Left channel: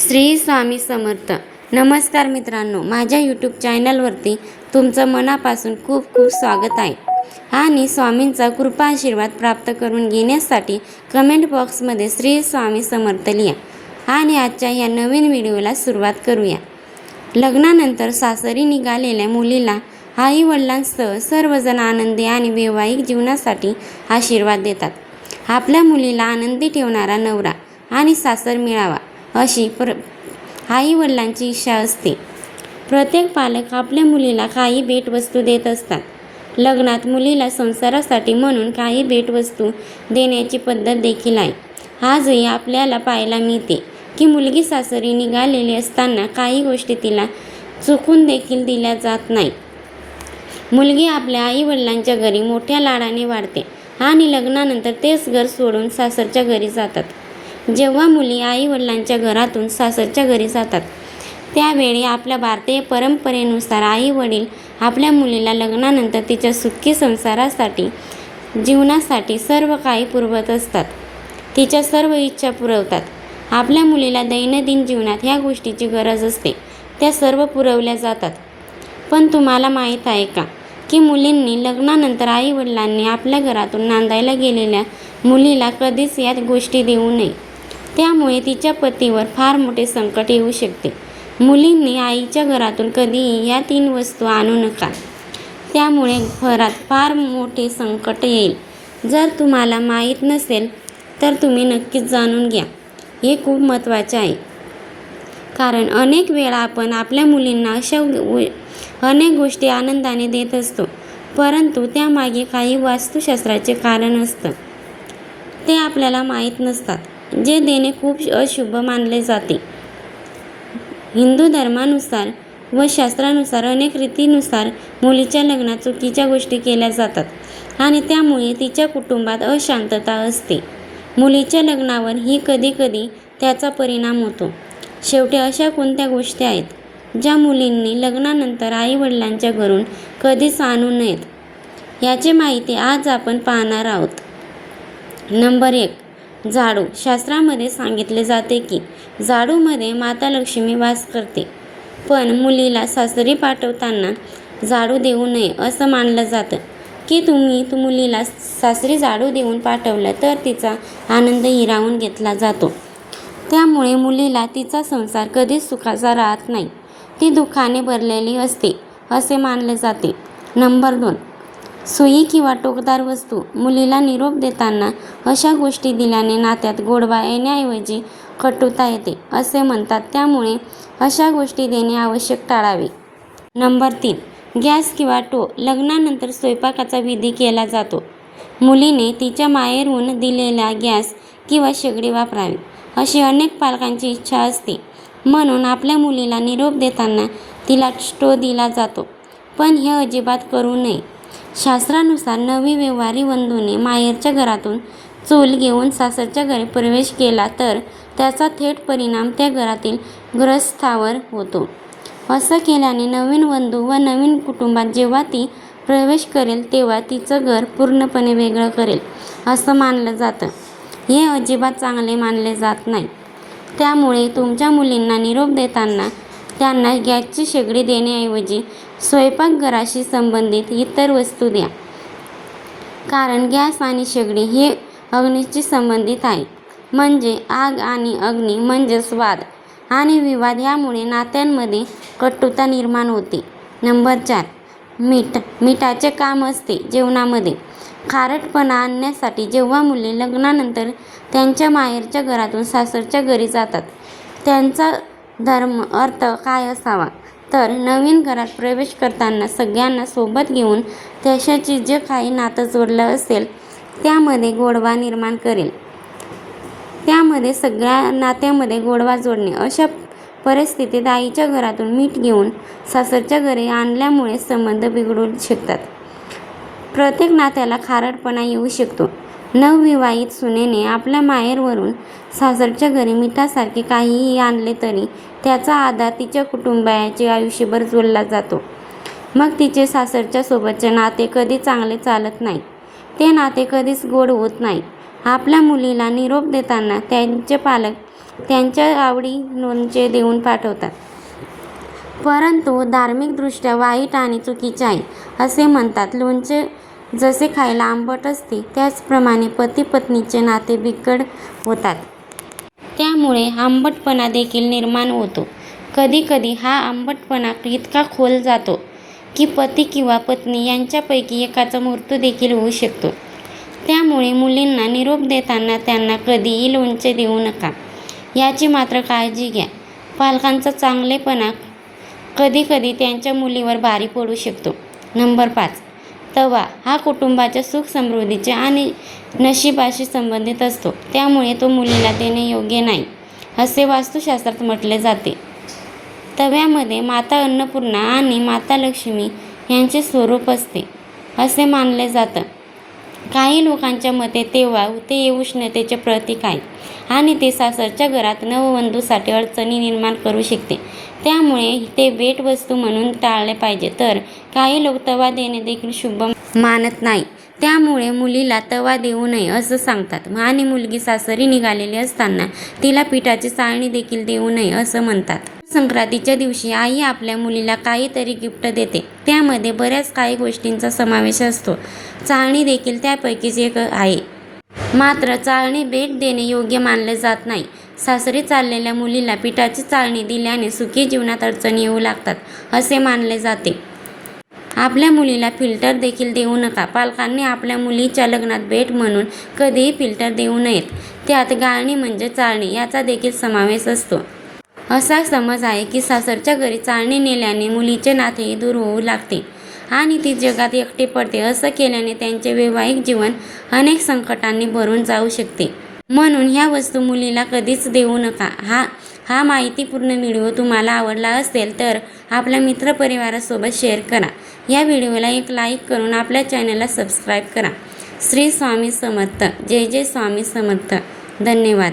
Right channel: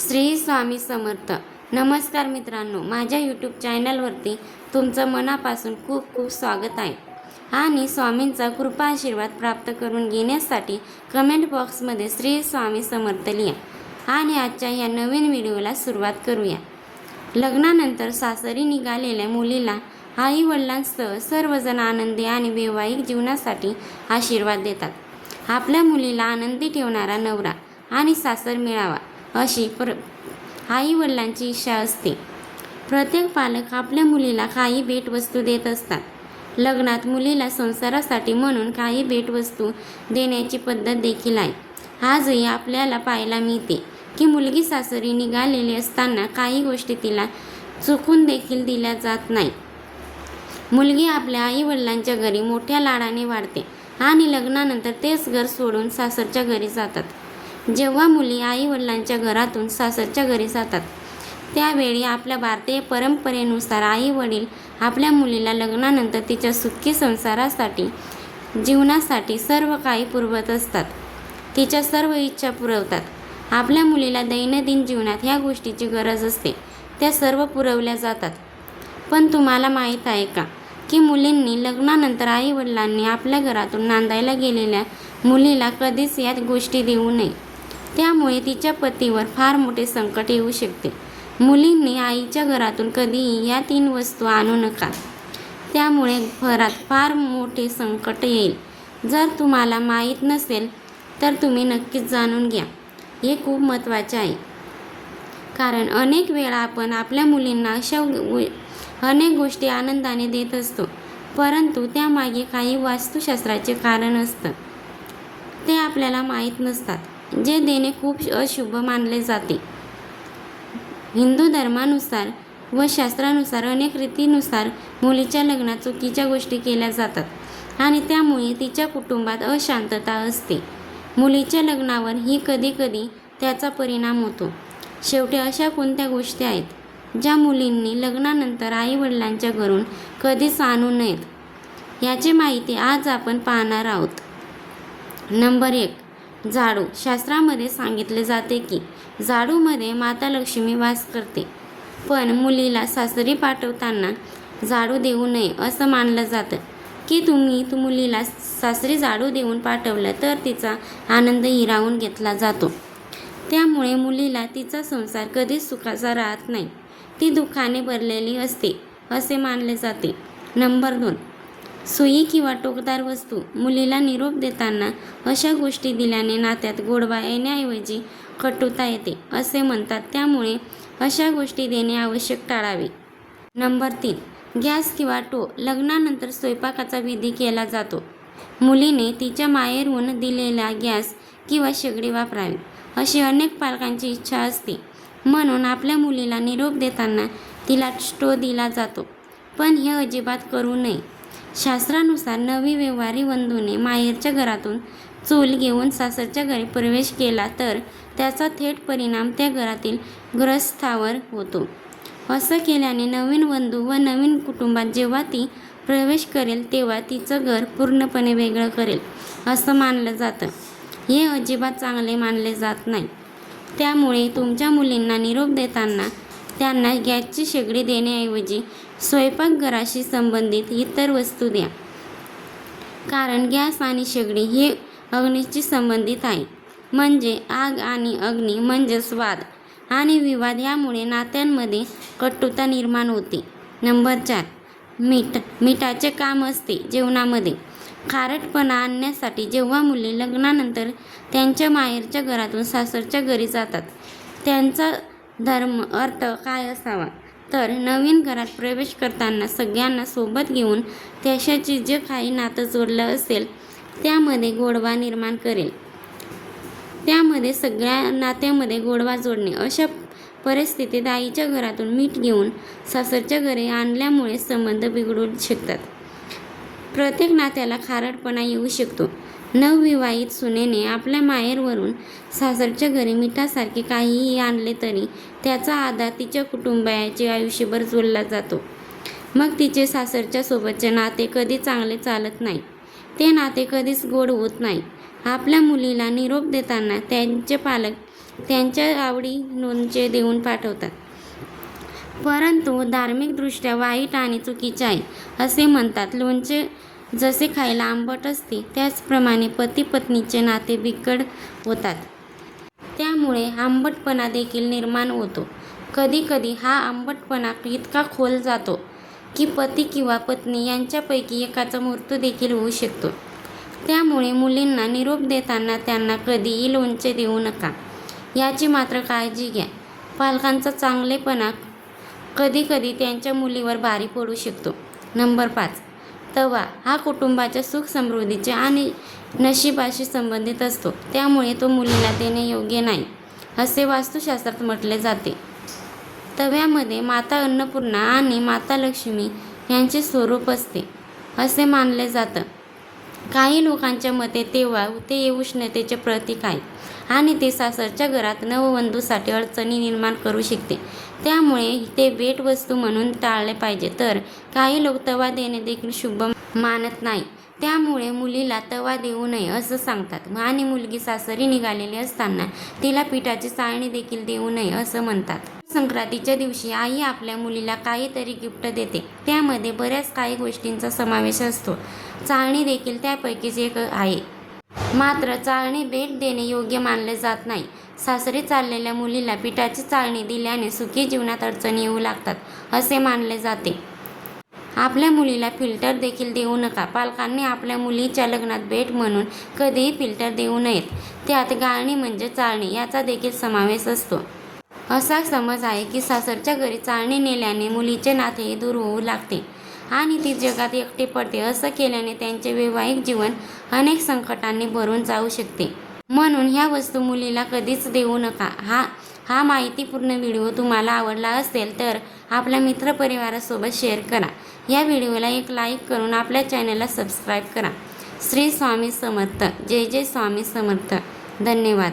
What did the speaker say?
श्री स्वामी समर्थ. नमस्कार मित्रांनो, माझ्या यूट्यूब चॅनलवरती तुमचं मनापासून खूप खूप स्वागत आहे आणि स्वामींचा कृपा आशीर्वाद प्राप्त करून घेण्यासाठी कमेंट बॉक्समध्ये श्री स्वामी समर्थ लिहा आणि आजच्या या नवीन व्हिडिओला सुरुवात करूया. लग्नानंतर सासरी निघालेल्या मुलीला आई वडिलांसह सर्वजण आनंदी आणि वैवाहिक जीवनासाठी आशीर्वाद देतात. आपल्या मुलीला आनंदी ठेवणारा नवरा आणि सासर मिळावा अशी आई वडिलांची इच्छा असते. प्रत्येक पालक आपल्या मुलीला काही भेटवस्तू देत असतात. लग्नात मुलीला संसारासाठी म्हणून काही भेटवस्तू देण्याची पद्धत देखील आहे. आजही आपल्याला पाहायला मिळते की मुलगी सासरी निघालेली असताना काही गोष्टी तिला चुकून देखील दिल्या जात नाही. मुलगी आपल्या आई वडिलांच्या घरी मोठ्या लाडाने वाढते आणि लग्नानंतर तेच घर सोडून सासरच्या घरी जातात. जेव्हा मुली आई वडिलांच्या घरातून सासरच्या घरी जातात त्यावेळी आपल्या भारतीय परंपरेनुसार आई वडील आपल्या मुलीला लग्नानंतर तिच्या सुखी संसारासाठी जीवनासाठी सर्व काही पुरवत असतात. तिच्या सर्व इच्छा पुरवतात. आपल्या मुलीला दैनंदिन जीवनात ह्या गोष्टीची गरज असते त्या सर्व पुरवल्या जातात. पण तुम्हाला माहीत आहे का की मुलींनी लग्नानंतर आई वडिलांनी आपल्या घरातून नांदायला गेलेल्या मुलीला कधीच या गोष्टी देऊ नये. त्यामुळे तिच्या पतीवर फार मोठे संकट येऊ शकते. मुलींनी आईच्या घरातून कधीही या 3 वस्तू आणू नका. त्यामुळे घरात फार मोठे संकट येईल. जर तुम्हाला माहीत नसेल तर तुम्ही नक्कीच जाणून घ्या. हे खूप महत्त्वाचे आहे. कारण अनेक वेळा आपण आपल्या मुलींना अशा अनेक गोष्टी आनंदाने देत असतो, परंतु त्यामागे काही वास्तुशास्त्राचे कारण असतं. ते आपल्याला माहीत नसतात. जे देणे खूप अशुभ मानले जाते. हिंदू धर्मानुसार व शास्त्रानुसार अनेक रीतीनुसार मुलीच्या लग्नात चुकीच्या गोष्टी केल्या जातात आणि त्यामुळे तिच्या कुटुंबात अशांतता असते. मुलीच्या लग्नावर ही कधीकधी त्याचा परिणाम होतो. शेवटी अशा कोणत्या गोष्टी आहेत ज्या मुलींनी लग्नानंतर आई वडिलांच्या घरून कधीच आणू नयेत याची माहिती आज आपण पाहणार आहोत. नंबर 1. झाडू. शास्त्रामध्ये सांगितले जाते की झाडूमध्ये माता लक्ष्मी वास करते, पण मुलीला सासरी पाठवताना झाडू देऊ नये असं मानलं जातं की तुम्ही मुलीला सासरी झाडू देऊन पाठवलं तर तिचा आनंद हिरावून घेतला जातो. त्यामुळे मुलीला तिचा संसार कधीच सुखाचा राहत नाही. ती दुःखाने भरलेली असते असे मानले जाते. नंबर 2. सुई किंवा टोकदार वस्तू. मुलीला निरोप देताना अशा गोष्टी दिल्याने नात्यात गोडवा येण्याऐवजी कटुता येते असे म्हणतात. त्यामुळे अशा गोष्टी देणे आवश्यक टाळावे. नंबर 3. गॅस किंवा टो. लग्नानंतर स्वयंपाकाचा विधी केला जातो. मुलीने तिच्या माहेरहून दिलेला गॅस किंवा शेगडी वापरावी अशी अनेक पालकांची इच्छा असते. म्हणून आपल्या मुलीला निरोप देताना तिला स्टो दिला जातो, पण हे अजिबात करू नये. शास्त्रानुसार नवी व्यवहारी वधूने माहेरच्या घरातून चूल घेऊन सासरच्या घरी प्रवेश केला तर त्याचा थेट परिणाम त्या घरातील गृहस्थावर होतो. असं केल्याने नवीन वधू व नवीन कुटुंबात जेव्हा ती प्रवेश करेल तेव्हा तिचं घर पूर्णपणे वेगळं करेल असं मानलं जातं. हे अजिबात चांगले मानले जात नाही. त्यामुळे तुमच्या मुलींना निरोप देताना त्यांना गॅसची शेगडी देण्याऐवजी स्वयंपाकघराशी संबंधित इतर वस्तू द्या. कारण गॅस आणि शेगडी हे अग्नीशी संबंधित आहे. म्हणजे आग आणि अग्नी म्हणजेच वाद आणि विवाद. यामुळे नात्यांमध्ये कटुता निर्माण होते. नंबर 4. मीठ. मीठाचे काम असते जेवणामध्ये. खारटपणा आणण्यासाठी जेव्हा मुली लग्नानंतर त्यांच्या माहेरच्या घरातून सासरच्या घरी जातात त्यांचा धर्म अर्थ काय असावा तर नवीन घरात प्रवेश करताना सगळ्यांना सोबत घेऊन त्याच्याशी जे काही नातं जोडलं असेल त्यामध्ये गोडवा निर्माण करेल. त्यामध्ये सगळ्या नात्यामध्ये गोडवा जोडणे. अशा परिस्थितीत आईच्या घरातून मीठ घेऊन सासरच्या घरी आणल्यामुळे संबंध बिघडू शकतात. प्रत्येक नात्याला खारटपणा येऊ शकतो. नवविवाहित सुनेने आपल्या माहेरवरून सासरच्या घरी मिठासारखे काहीही आणले तरी त्याचा आधार तिच्या कुटुंबाचे आयुष्यभर जोडला जातो. मग तिचे सासरच्या सोबतचे नाते कधी चांगले चालत नाही. ते नाते कधीच गोड होत नाही. आपल्या मुलीला निरोप देताना त्यांचे पालक त्यांच्या आवडी लोणचे देऊन पाठवतात. परंतु धार्मिकदृष्ट्या वाईट आणि चुकीचे आहे असे म्हणतात. लोणचे जसे खायला आंबट असते त्याचप्रमाणे पती पत्नीचे नाते बिघड होतात. त्यामुळे आंबटपणा देखील निर्माण होतो. कधीकधी हा आंबटपणा इतका खोल जातो की पती किंवा पत्नी यांच्यापैकी एकाचा मृत्यू देखील होऊ शकतो. त्यामुळे मुलींना निरोप देताना त्यांना कधीही लोणचे देऊ नका, याची मात्र काळजी घ्या. पालकांचा चांगलेपणा कधीकधी त्यांच्या मुलीवर भारी पडू शकतो. नंबर 5. तवा हा कुटुंबाच्या सुख समृद्धीचे आणि नशिबाशी संबंधित असतो. त्यामुळे तो मुलीला देणे योग्य नाही असे वास्तुशास्त्रात म्हटले जाते. तव्यामध्ये माता अन्नपूर्णा आणि माता लक्ष्मी यांचे स्वरूप असते असे मानले जातं. काही लोकांच्या मते तेव्हा ते उष्णतेचे प्रतीक आहे आणि ते सासरच्या घरात नववधूसाठी अडचणी निर्माण करू शकते. त्यामुळे ते भेटवस्तू म्हणून टाळले पाहिजे. तर काही लोक तवा देणे देखील शुभ मानत नाही. त्यामुळे मुलीला तवा देऊ नये असं सांगतात आणि मुलगी सासरी निघालेली असताना तिला पिठाची चाळणी देखील देऊ नये असं म्हणतात. संक्रांतीच्या दिवशी आई आपल्या मुलीला काहीतरी गिफ्ट देते. त्यामध्ये बऱ्याच काही गोष्टींचा समावेश असतो. चाळणी देखील त्यापैकीच एक आहे. मात्र चाळणी भेट देणे योग्य मानले जात नाही. सासरी चाललेल्या मुलीला पिठाची चाळणी दिल्याने सुखी जीवनात अडचणी येऊ लागतात असे मानले जाते. आपल्या मुलीला फिल्टर देखील देऊ नका. पालकांनी आपल्या मुलीच्या लग्नात भेट म्हणून कधीही फिल्टर देऊ नयेत. त्यात गाळणी म्हणजे चाळणी याचा देखील समावेश असतो. असा समज आहे की सासरच्या घरी चाळणी नेल्याने मुलीचे नातेही दूर होऊ लागते आणि ती जगात एकटी पडते. असं केल्याने त्यांचे वैवाहिक जीवन अनेक संकटांनी भरून जाऊ शकते. म्हणून ह्या वस्तू मुलीला कधीच देऊ नका. हा माहितीपूर्ण व्हिडिओ तुम्हाला आवडला असेल तर आपल्या मित्रपरिवारासोबत शेअर करा. या व्हिडिओला एक लाईक करून आपल्या चॅनलला सबस्क्राईब करा. श्री स्वामी समर्थ. जय जय स्वामी समर्थ. धन्यवाद.